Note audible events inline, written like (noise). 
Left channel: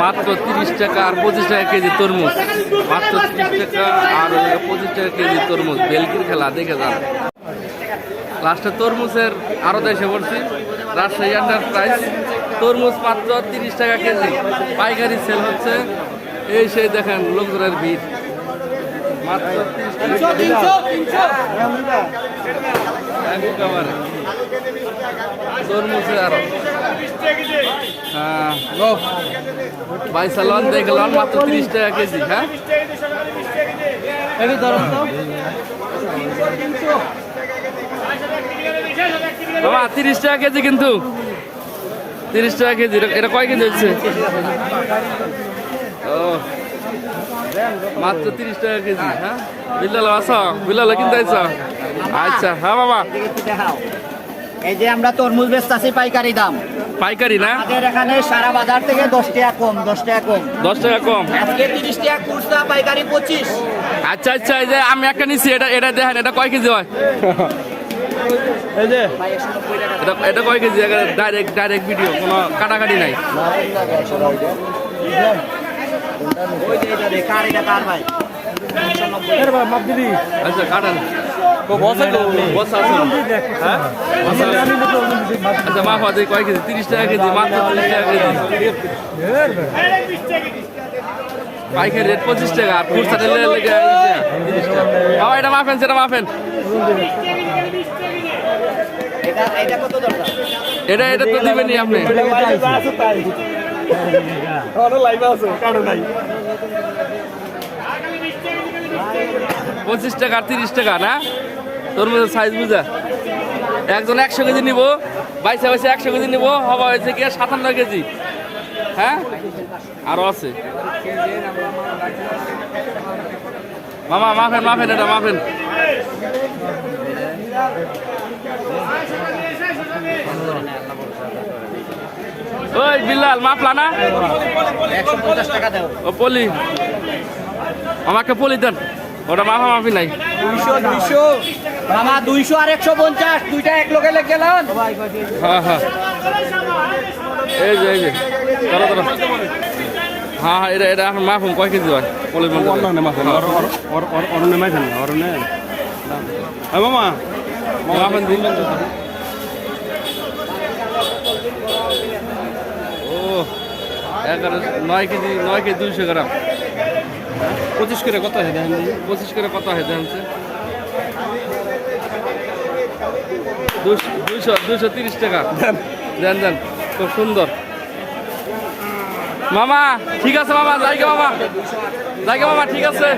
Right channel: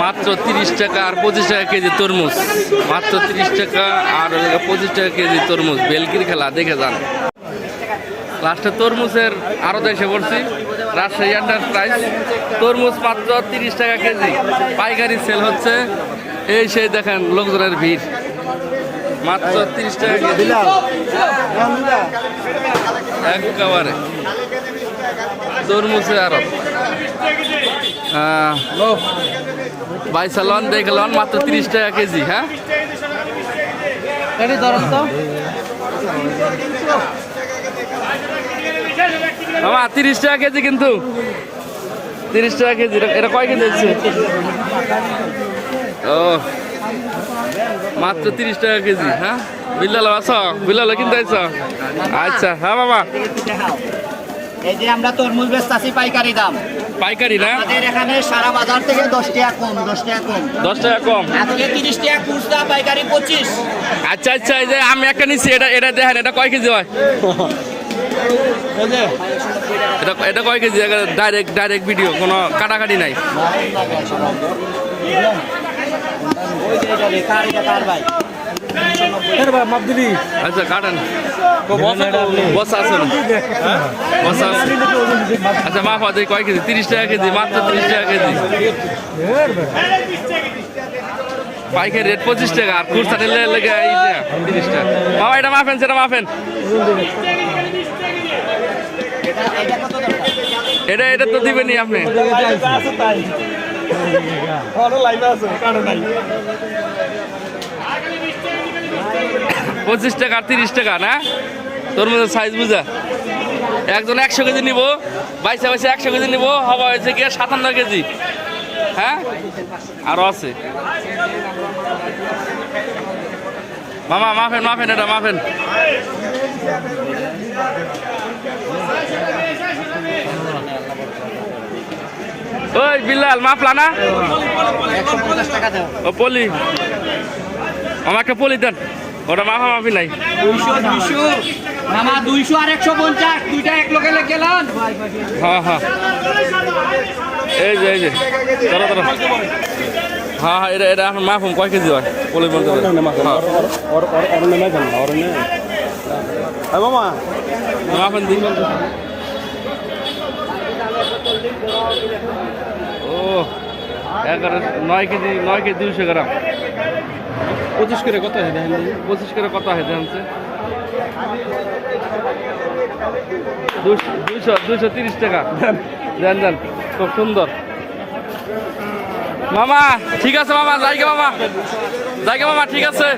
মাত্র তিরিশ টাকা আর পঁচিশ টাকা কেজি তরমুজ। মাত্র তিরিশ টাকা আর পঁচিশ টাকা কেজি তরমুজ, বেলকির খেলা, দেখে যান। লাস্টে তরমুজের আরও দেশে পড়ছি। রাজশাহী এন্টারপ্রাইজ তরমুজ মাত্র তিরিশ টাকা কেজি। পাইকারি সেল হচ্ছে। এই সেই দেখেন লোকজনের ভিড়। মাত্র তিরিশ টাকা কেজি। একেবারে। তরমুজে আরও হ্যাঁ ভাই সালন দেখলাম মাত্র তিরিশ টাকা কেজি হ্যাঁ? এটি ধরুন তো। বাবা তিরিশ টাকা কেজি কিন্তু। তিরিশ টাকা কেজি এটা- কয় কেজি হচ্ছে? ও মাত্র তিরিশ টাকা কেজি হ্যাঁ? বিল্লাল আছো? বিল্লাল কিনতে আইছো? আচ্ছা হ্যাঁ বাবা। এই যে আমরা তরমুজ বেচতেছি পাইকারি দাম। পাইকারি না? আমাদের এখানে সারা বাজার থেকে দশ টাকা কম দশ টাকা কম। দশ টাকা কম? আজকে তিরিশ টাকা খুচরা পাইকারি পঁচিশ। আচ্ছা আচ্ছা এই যে আমি একটা নিচ্ছি এটা এটা দেখেন এটা কয় কেজি হয়? (laughs) এই যে। এটা এটা কয় কেজি? ডাইরেক্ট ডাইরেক্ট ভিডিও কোনো কাটাকাটি নাই। আচ্ছা বসা বসা আছে না? বসা আছে। আচ্ছা মা ফাদি কয় কেজি? তিরিশ টাকা কেজি মাত্র তিরিশ টাকা কেজি। রেট পঁচিশ টাকা আর খুচরা নিলে লেগে তিরিশ টাকা। বাবা এটা মাফেন সেটা মাফেন এটা এটা তো দিবেনই আপনি। পঁচিশ টাকা আর তিরিশ টাকা না? তোর মধ্যে সাইজ বুঝা। একজন একশো কেজি নিব বাইশে বাইশে একশো কেজি নিব হবা হয়েছে কি সাতান্ন কেজি। হ্যাঁ? আরও আছে। মামা মাফেন মাফেন এটা মাফেন। ওই বিল্লাল মাফলা না? ও পলি। আমার একটা পলি দেন। ওটা মাফা মাফি নাই। দুইশো দুইশো। মামা দুইশো আর একশো পঞ্চাশ। দুইটা এক লোকে লেগে গেলেন হ্যাঁ হ্যাঁ। এই যে এই যে। হ্যাঁ হ্যাঁ এটা এটা এখন মাফুম কয় কেজি হয়? মাফেন দিন। ও এগারো নয় কেজি নয় কেজি দুইশো গ্রাম। পঁচিশ করে কত হয় দেখেন পঁচিশ করে কত হয় জানছে দুইশো দুইশো তিরিশ টাকা। দেন। দেন খুব সুন্দর। মামা ঠিক আছে মামা জায়গা মামা। জায়গা মামা ঠিক আছে।